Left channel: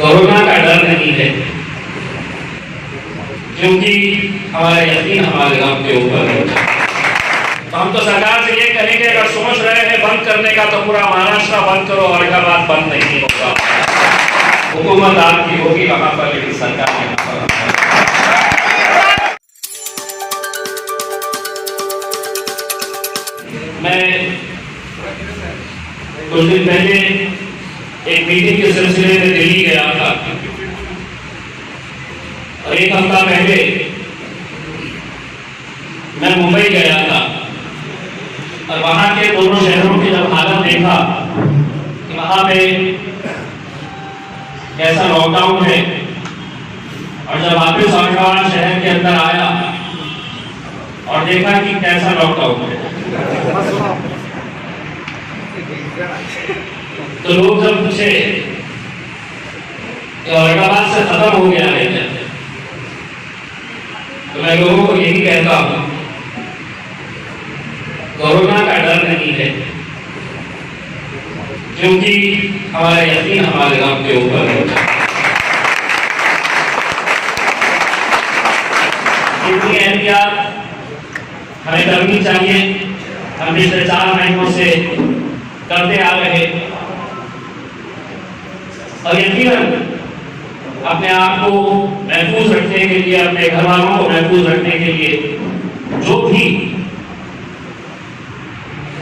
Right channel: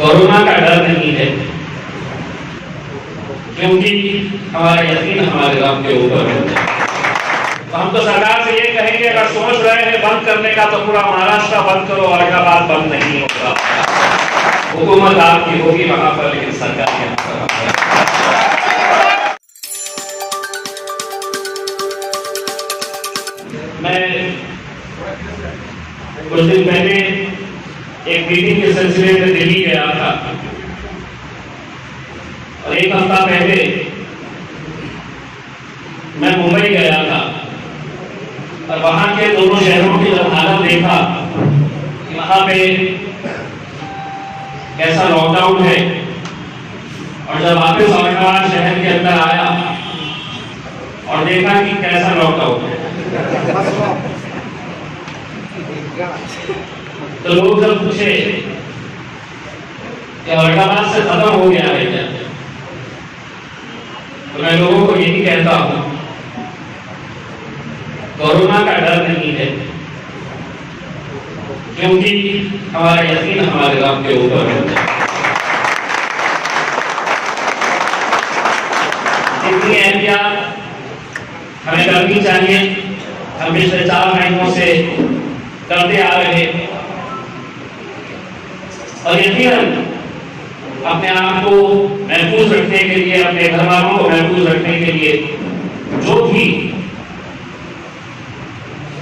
Corona का डर नहीं है, क्योंकि हमारा यकीन हमारे गांव के ऊपर है। तो हम तो सरकार से ये कहेंगे, अगर सोच रहे हैं बंद करने का तो पूरा महाराष्ट्र बंद करो, औरंगाबाद बंद नहीं होगा। हुकूमत आपकी होगी वहां पर, लेकिन सरकार यहाँ पर। मैं कुछ दिन पहले एक मीटिंग के सिलसिले में दिल्ली गया था और एक हफ्ता पहले मैं मुंबई गया था और वहां के दोनों शहरों की जब हालत देखा कि वहां पे कैसा लॉकडाउन है, और जब वापस औरंगाबाद शहर के अंदर आया और देखा कि कैसा लॉकडाउन है, तो लोग जब पूछे कि औरंगाबाद से खत्म हो गया है क्या, तो मैं लोगों को यही कहता हूं, कोरोना का डर नहीं है, क्योंकि हमारा यकीन हमारे गांव के ऊपर है। इतनी एहतियात हमें करनी चाहिए, हम पिछले 4 महीनों से करते आ रहे, और यकीनन अपने आप को महफूज रखने के लिए, अपने घर वालों को महफूज रखने के लिए जो भी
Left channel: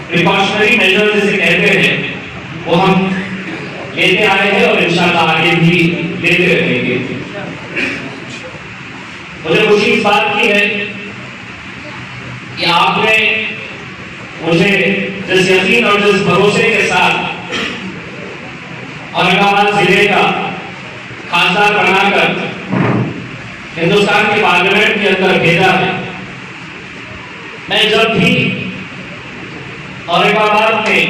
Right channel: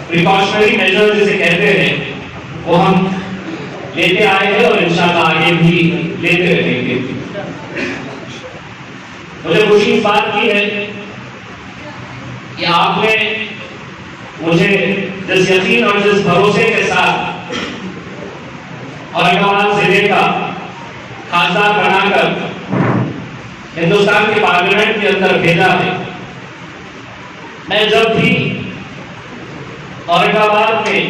प्रिकॉशनरी मेजर्स जिसे कहते हैं वो हम लेते आए हैं और इंशाल्लाह आगे भी लेते रहेंगे। मुझे खुशी इस बात की है कि आपने मुझे जिस यकीन और जिस भरोसे के साथ औरंगाबाद जिले का खासदार बनाकर हिंदुस्तान के पार्लियामेंट के अंदर भेजा है। मैं जब भी औरंगाबाद में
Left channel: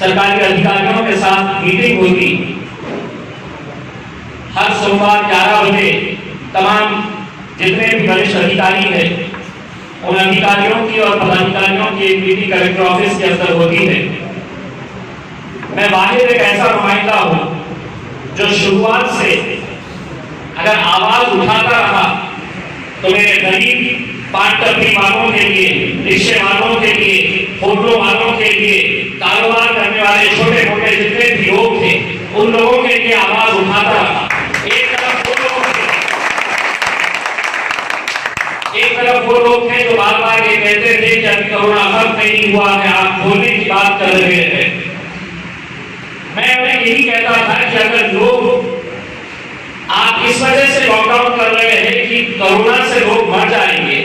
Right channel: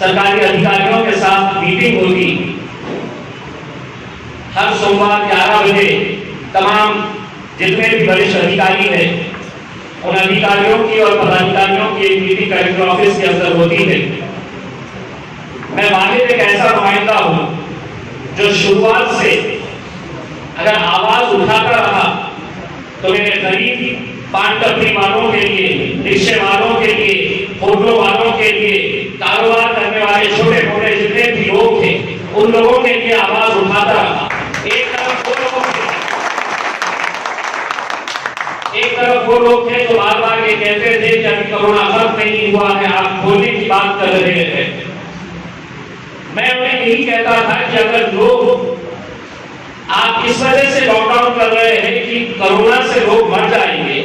सरकारी अधिकारियों के साथ मीटिंग होती, हर सोमवार 11 बजे तमाम जितने भी वरिष्ठ अधिकारी हैं उन अधिकारियों की और पदाधिकारियों की एक मीटिंग कलेक्टर ऑफिस के अंदर होती है। मैं वाहिद एक ऐसा नुमाइंदा हूं जो शुरुआत से अगर आवाज उठाता रहा तो मेरे गरीब पान टपरी वालों के लिए, रिक्शे वालों के लिए, होटलों वालों के लिए, कारोबार करने वाले छोटे मोटे जितने भी लोग थे उन लोगों के लिए आवाज उठाता रहा। एक तरफ वो लोग थे जो बार बार ये कहते थे कि अभी कोरोना खत्म नहीं हुआ है, आप खोलने की बात कर रहे हैं। मैं उन्हें यही कहता था कि अगर लोग आप इस वजह से लॉकडाउन कर रहे हैं कि कोरोना से लोग मर जाएंगे,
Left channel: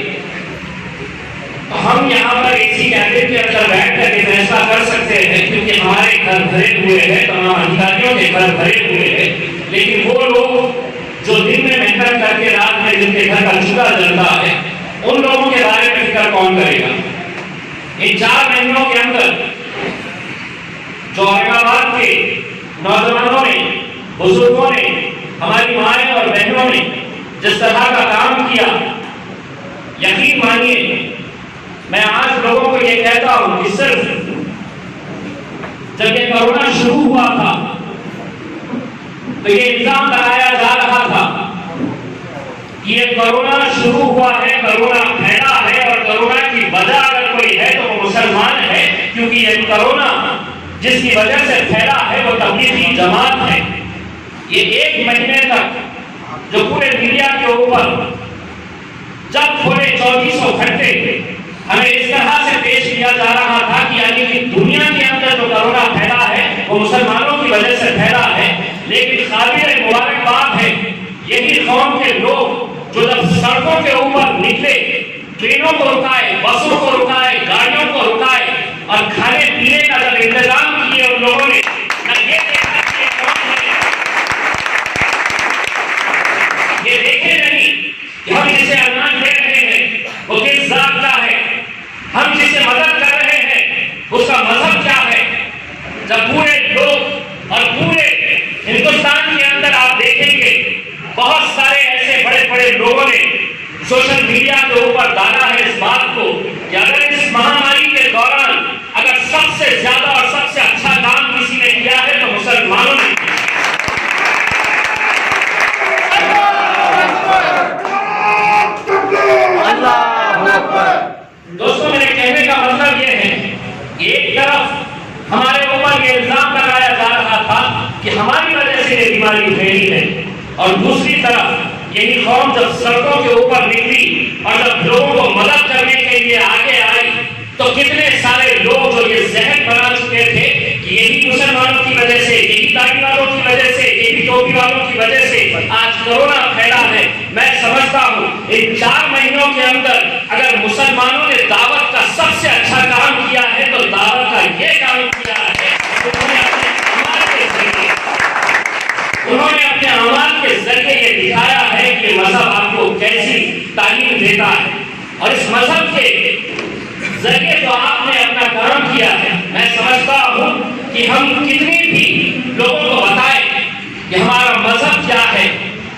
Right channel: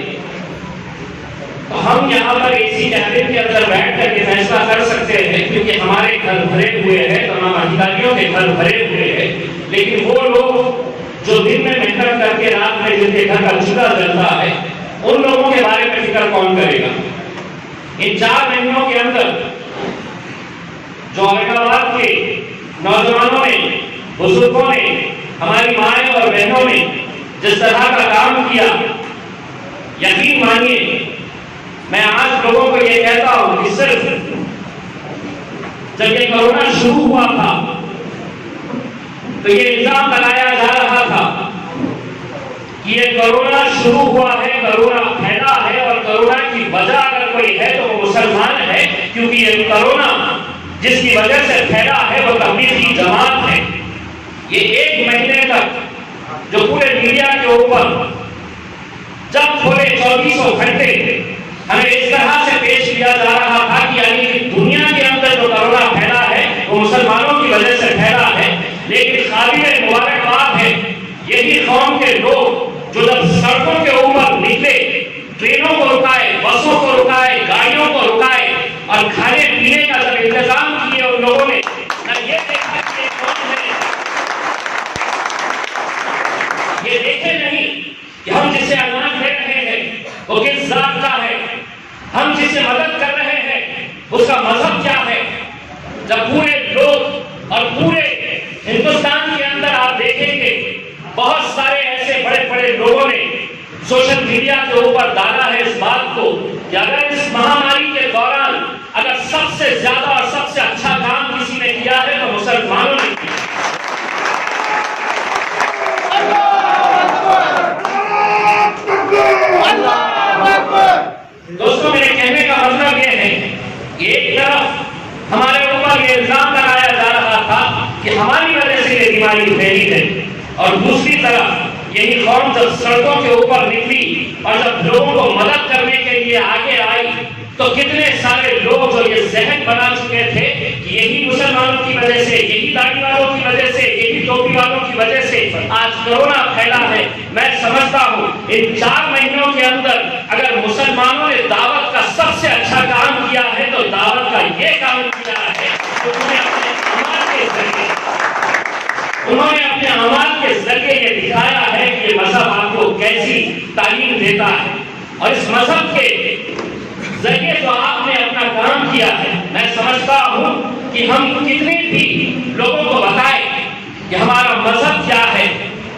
तो हम यहाँ पर एसी कैबिन के अंदर बैठ कर फैसला कर सकते हैं, क्योंकि हमारे घर भरे हुए हैं, तमाम अधिकारियों के घर भरे हुए हैं, लेकिन वो लोग जो दिन में मेहनत करके रात में जिनके घर का चूल्हा जलता है, उन लोगों के बारे में फिक्र कौन करेगा। इन 4 महीनों के अंदर जो औरंगाबाद के नौजवानों ने, बुजुर्गों ने, हमारी माएं और बहनों ने जिस तरह का काम किया, यकीन मानिए मैं आज लोगों को यह कहता हूं कि सिर्फ जब ये कोरोना शुरू हुआ था तो ये इल्जाम लगाया जा रहा था कि ये कोरोना शुरू हुआ है, कोरोना फैला है, और कोरोना की वजह अगर कोई है तो वो मुसलमान है, क्योंकि ये कोरोना जिसकी वजह से फैला है वो तबलीगी जमात है। ये 1 महीने तक जो पूरे मीडिया के ऊपर जब पूरे 24 घंटे हमें इस तरह से पेश किया जा रहा था कि यानी कि दुनिया के अंदर जो कोरोना फैला है वो मुसलमानों की वजह से फैला है, लेकिन काबिल मुबारकबाद है यही कौम के लोग जो जब सड़कों के ऊपर निकले, ट्रेनों को रुकाए, बसों को रुकाए, गाड़ियों को रुकाए और खाने पीने का जब इंतजाम किए उन लोगों ने, ना ये देखा कि कौन है, ये देखे नहीं कि हम जिसे अनाज दे रहे हैं वो किस जात का है, हम जिसे मदद कर रहे हैं उसका मजहब क्या है। जब पूरे लोग और पूरे हिंदुस्तान के अंदर आप देखेंगे बहुत सारे ऐसे बड़े बड़े लोगों ने सोशल मीडिया के ऊपर डाला है इस बात को कि अगर इस महामारी के दौरान अगर सबसे ज्यादा और सबसे अच्छा काम किसी ने किया है तो मुसलमानों ने किया। हमारी वजह से ये बीमारी फैली है। और दूसरी तरफ यही कौम जब सड़कों के ऊपर निकली और जब लोगों को मदद करने के लिए आगे आई, तो कितने सारे लोग जो ये जहन बना चुके थे कि यही मुसलमानों की वजह से, यही दाढ़ी वालों की वजह से, यही टोपी वालों की वजह से आज कोरोना फैला है। मैं समझता हूँ इन 4 महीनों के अंदर अगर मुसलमानों ने दावत का सबसे अच्छा काम किया है तो दावत का ये काम किया है। उन्होंने अपने अमाल के जरिए ये दिखाया है कि मजहब आपको कैसी तालीम देता है। और इस मजहब के जरिए जो आपने अपना काम किया है, मैं समझता हूँ कि हम कितने भी लोगों को बताएं कि हमारा मजहब क्या है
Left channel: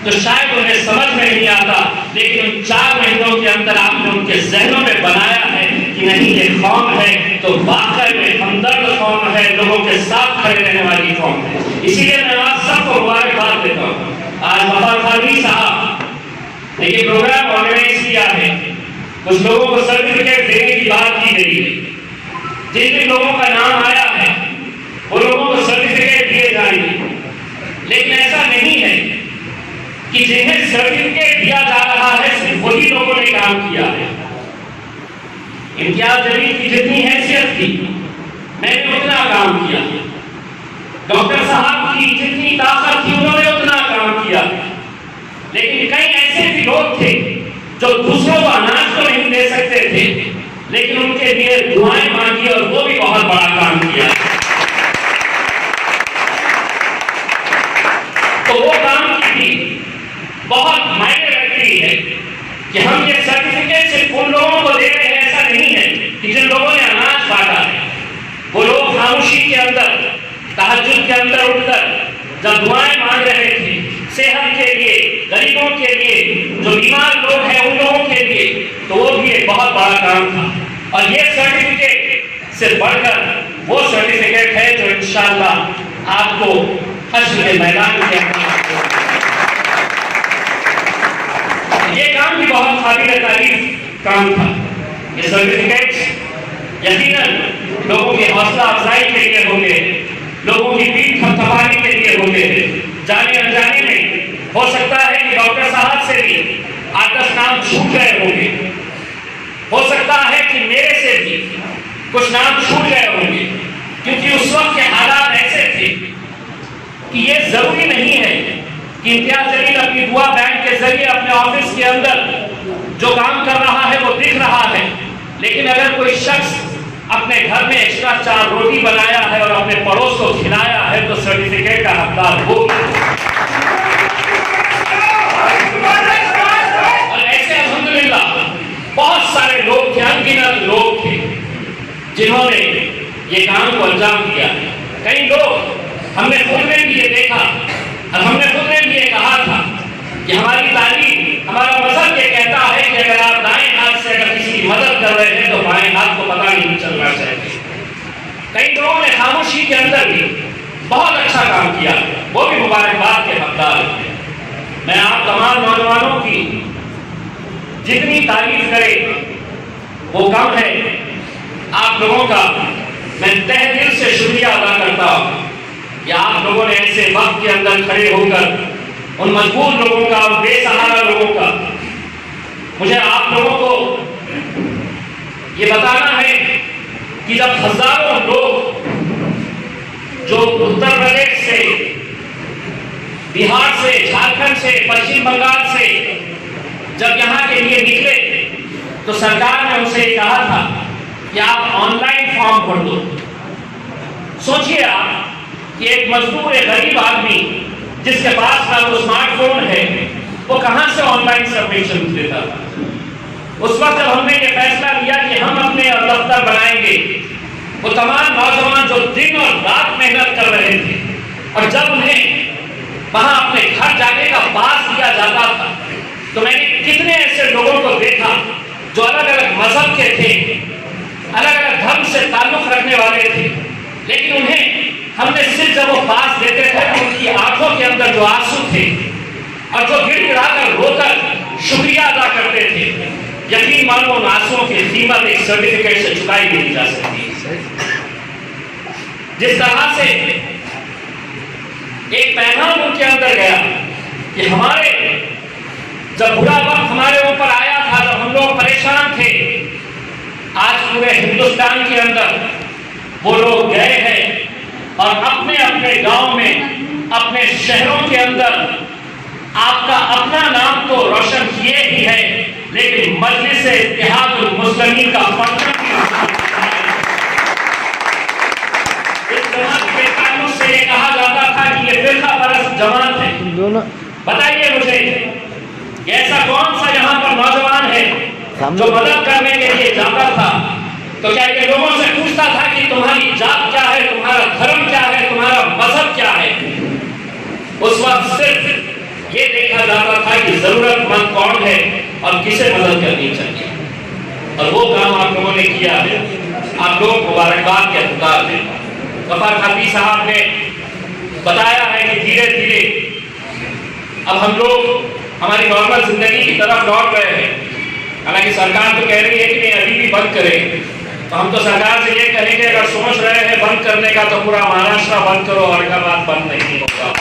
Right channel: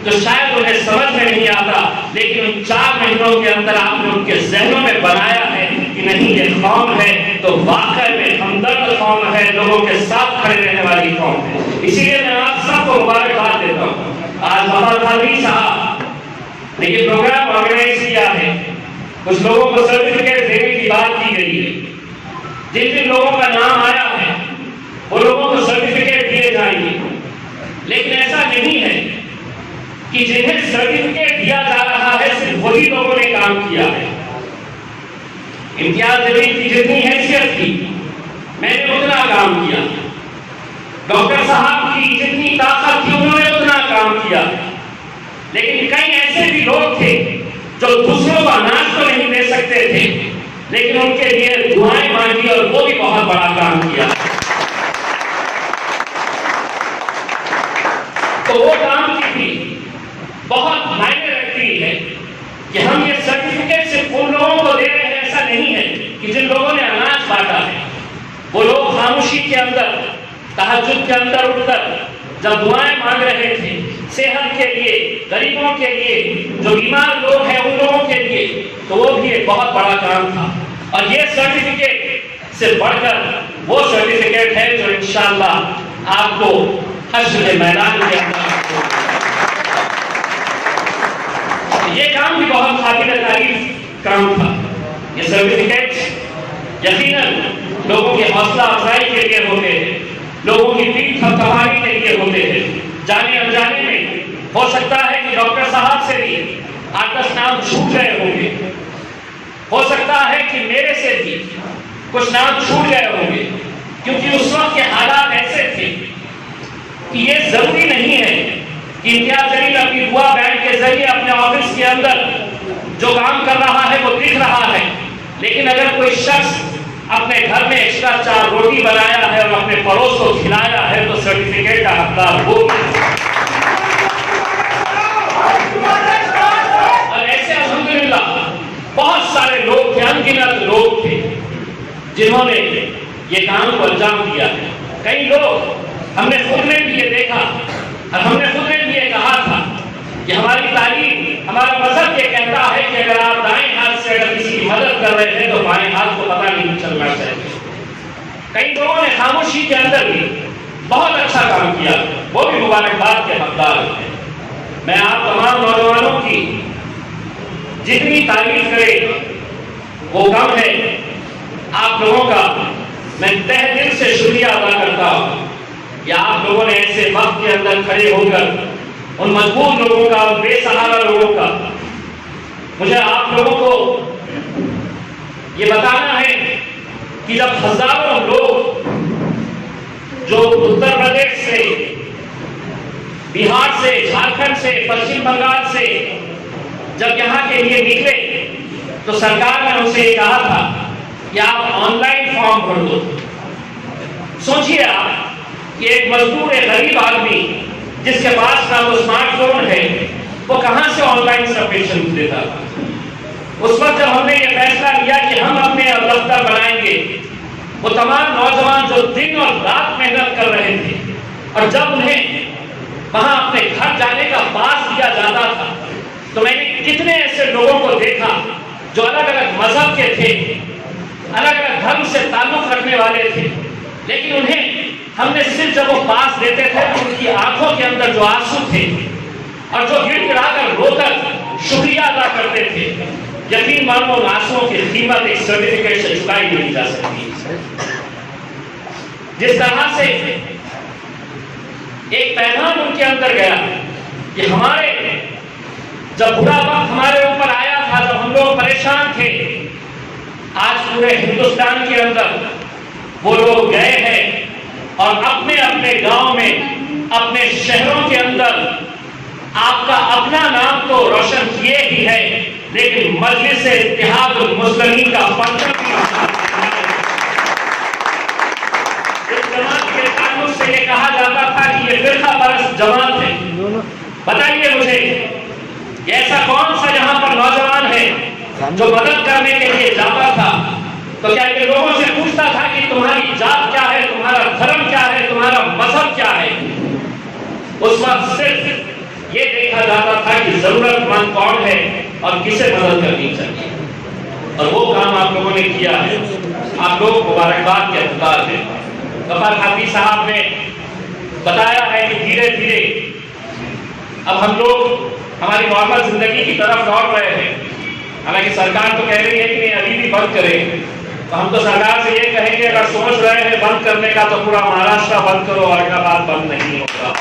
तो शायद उन्हें समझ में नहीं आता, लेकिन उन 4 महीनों के अंदर आपने उनके जहनों में बनाया है कि नहीं, ये कौम है तो वाकई में हमदर्द कौम है, लोगों के साथ खड़े रहने वाली कौम है। इसीलिए मैं आप सबको मुबारकबाद देता हूँ। आज वफार खानी साहब ने ये प्रोग्राम ऑर्गेनाइज किया है, कुछ लोगों को सर्टिफिकेट देने की बात की गई है। जिन जिन लोगों का नाम आया है वो लोगों को सर्टिफिकेट दिए जाएंगे, लेकिन ऐसा नहीं है कि जिन्हें सर्टिफिकेट दिया जा रहा है सिर्फ वही लोगों ने काम किया है। इम्तियाज जलील की जितनी हैसियत थी मैंने उतना काम किया, डॉक्टर साहब की जितनी ताकत थी उन्होंने उतना काम किया। लेकिन कई ऐसे भी लोग थे जो दूसरों को अनाज तो नहीं दे सकते थे, लेकिन उनके लिए दुआएं मांगी और वो भी बहुत बड़ा काम किया। तो वो काम की भी बहुत मायने रखती है कि हम ये सर्टिफिकेट सिर्फ उन लोगों को दे रहे हैं, ऐसा नहीं है कि जिन लोगों ने अनाज बांटा है वो लोग खामोशी के अंदर, तहज्जुद के अंदर उठकर जब दुआएं मांग रहे थे सेहत के लिए, गरीबों के लिए, जो बीमार लोग हैं उन लोगों के लिए, तो वो भी एक बहुत बड़ा काम था। और ये सर्टिफिकेट से बढ़कर वो सर्टिफिकेट है जो इंशाअल्लाह आपको हश्र के मैदान के अंदर, ये काम भी बहुत काबिल तारीफ काम था। ये सर्टिफिकेट यकीनन लोगों की हौसला अफजाई के लिए होते हैं, लोगों की पीठ थपथपाने के लिए होते हैं। जाने अनजाने में हो सकता है कि डॉक्टर साहब से भी 8-10 नाम छूट गए होंगे, हो सकता है कि मेरे से भी कुछ नाम छूट गए होंगे, क्योंकि उस वक्त के हालात ऐसे थे कि ये जरूरी नहीं है कि इम्तियाज जलील अपनी दुआ बैंक के जरिए अपने ऑफिस के अंदर जो काम कर रहा है वो दिख रहा है, लेकिन अगर कोई शख्स अपने घर में एक्स्ट्रा 4 रोटी बनाया है और अपने पड़ोस को खिलाया है तो सर्टिफिकेट का हकदार वो। और ऐसे अल्हम्दुलिल्लाह बहुत सारे लोग थे, अनगिनत लोग थे जिन्होंने ये काम को अंजाम दिया। कई लोग हमने खुद में भी ये देखा और हमने खुद में भी ये कहा था कि हमारी तालीम, हमारा मजहब ये कहता है कि अगर आप दाएं हाथ से अगर किसी की मदद कर रहे हैं तो बाएं हाथ को पता नहीं चलना चाहिए। कई लोगों ने खामोशी के अंदर भी बहुत अच्छा काम किया, वो भी मुबारकबाद के हकदार हैं। मैं आप तमाम नौजवानों की जितनी तारीफ करे वो कम है। आप लोगों का मैं तहे दिल से शुक्रिया अदा करता हूँ कि आप लोगों ने ऐसे वक्त के अंदर खड़े होकर उन मजबूर लोगों का, उन बेसहारा लोगों का, मुझे आप लोगों को ये बताना है कि जब हजारों लोग जो उत्तर प्रदेश से, बिहार से, झारखंड से, पश्चिम बंगाल से जब यहाँ के लिए निकले तो सरकार ने उनसे कहा था कि आप ऑनलाइन फॉर्म भर दो। सोचिए आप कि एक मजदूर, एक गरीब आदमी जिसके पास ना तो स्मार्टफोन है, वो कहां से ऑनलाइन सबमिशन देता था। उस वक्त जब हमने ये फैसला लिया कि हम अपने दफ्तर बनाएंगे, वो तमाम नौजवान जो दिन और रात मेहनत कर रहे थे और जब उन्हें वहां अपने घर जाने का पास दिया जाता था तो मैंने कितने ऐसे लोगों को देखा जो अलग अलग मजहब के थे, अलग अलग धर्म से ताल्लुक रखने वाले थे, लेकिन उन्हें हमने सिर्फ जब वो पास देते थे तो उनकी आंखों के अंदर जो आंसू थे और जो गिड़गिड़ाकर रोकर शुक्रिया अदा करते थे, यकीन मानो उन आंसुओं की कीमत एक सर्टिफिकेट से चुकाई नहीं जा सकती। जिस तरह से एक पैगाम उनके अंदर गया कि हमारे जब बुरा वक्त हमारे ऊपर आया था, जब हम लोग परेशान थे, आज पूरे हिंदुस्तान के अंदर वो लोग गए हैं और अपने अपने गांव में, अपने शहरों के अंदर आपका अपना नाम तो रोशन किए ही है, लेकिन मजलिस इत्तेहादुल मुस्लिमीन का परचम इस जमात के ताल्लुक से ये कहा जाता था कि ये फिरका परस्त जमात है। बताइए मुझे, ऐसा कौन सा यहाँ पर नौजवान है जो मदद करने के लिए जाता था तो क्या ये लोगों से पूछता था कि तुम्हारी जात क्या है, तुम्हारा धर्म क्या है, तुम्हारा मजहब क्या है? उस वक्त सिर्फ ये देखा जाता था कि जरूरतमंद कौन है और किसे मदद करनी चाहिए, और वो काम आप लोगों ने किया है। आप लोग मुबारकबाद के हकदार हैं। गफार खाती साहब ने बताया है कि धीरे धीरे अब हम लोग हमारी नॉर्मल जिंदगी की तरफ लौट रहे हैं। हालांकि सरकार तो कह रही है कि नहीं अभी भी बंद करें, तो हम तो सरकार से ये कहेंगे अगर सोच रहे हैं बंद करने का तो पूरा महाराष्ट्र बंद करो, औरंगाबाद बंद नहीं होगा।